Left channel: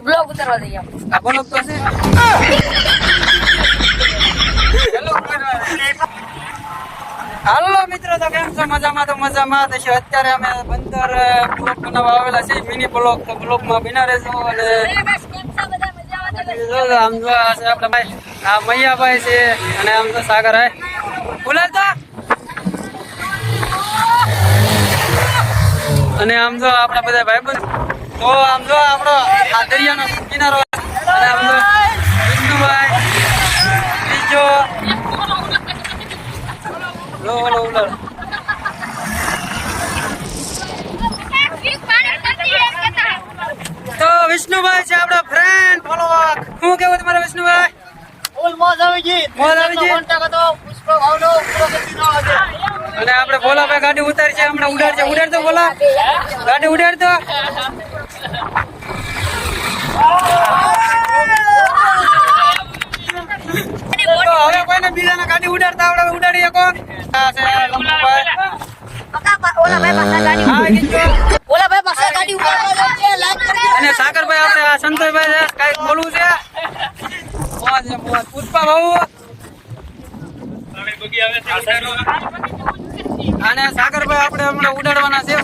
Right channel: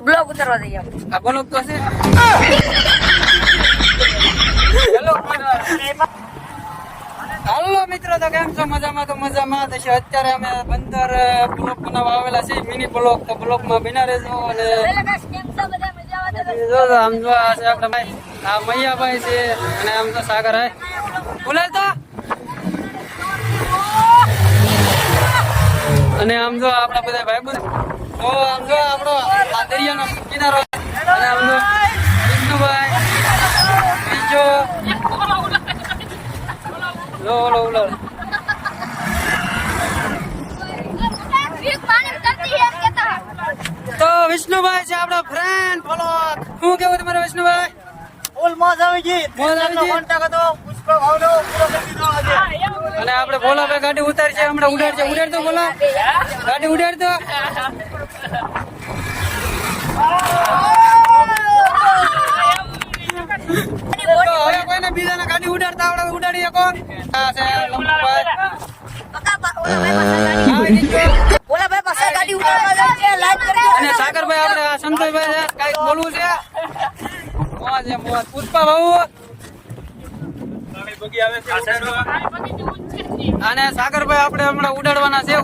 કરવા જઈએ આપણે. આ બોલો તો છે. હાલો મિત્રો તો કેમ છો? મજામાં તો મજામાં. તો અત્યારે અમે બંદર બ્લોક બનાવવા આવેલા છે મિની બ્લોક. તો બ્લોકમાં બિના રહેજો અને આમ જો આ છે આપણા ભાઈ. આ મૈયાભાઈ છે અને આમ તો સાગર હે. બોલે તો અને આમ જો આપણા બધા ભાઈબંધ. તો આમ જો આપણો આ દરિયાનો કિનારો અને જો વિષ્ણુભાઈ બીજો. લો લો લો તો વિષ્ણુભાઈ છે આપણા ફ્રેન્ડ ફોલો શું કેવું તમારે વિષ્ણુભાઈ? ફૂલ મોજ આવી ગઈ. મોજ આવી ગઈ? કોન્ટેક્ટ હતો. પુષ્પ ભાવનો પૂરો કરી દીધો આજે. અને આપણે ભોલાભાઈ ગાડી ઉતારી છે હમણાં ઉડાડશે ઉડાડતો ભોલા. ગાડી ઉડાડતો. તો હવે કોઈને બીજાને ગાડી ઉડાડતા આવડે. અને સાગરભાઈ આપણે સંતોષભાઈ છે, કંઈક બોલવું છે? પુષ્પા ભાऊ અને સાગરભાઈ આપણે હમણાં ઉડાડવાના છે.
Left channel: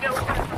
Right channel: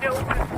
back elevator.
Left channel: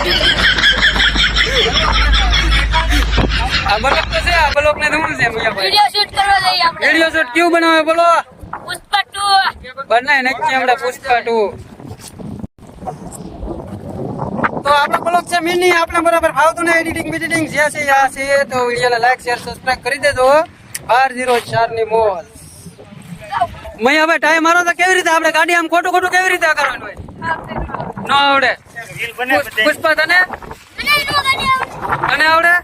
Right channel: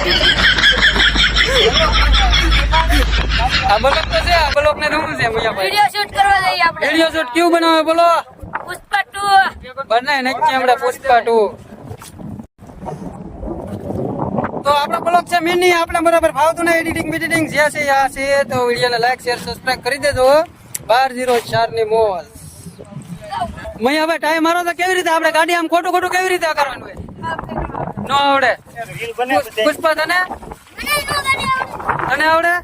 બ્લોક તો છે આ બ્લોક ને શું છે મજાભાઈ વિડિયો શૂટ કરવા જઈએ આપણે વિડીયો શૂટ કેવું બનાવે બોલો પુષ્પા ટુ બનાવી નાખીએ આપણે પુષ્પા ટુ તો આપણો બ્લોગ છે મિની આપણે બરાબર ફાવતું ને એડિટિંગ બિડિટિંગ જે છે આ છે તો વિડીયોને લાઈક શેર સબસ્ક્રાઇબ કરી દેજો બાર જીરો ચાર ની મોલ મેં હવે ટાઈમ મારો તો કેવી રીતે આપણે ગાડી આમ ખોટું ખોટું કેવી રીતે કરવાનું હોય ન આવડે પુષ્પા તને તને આવડે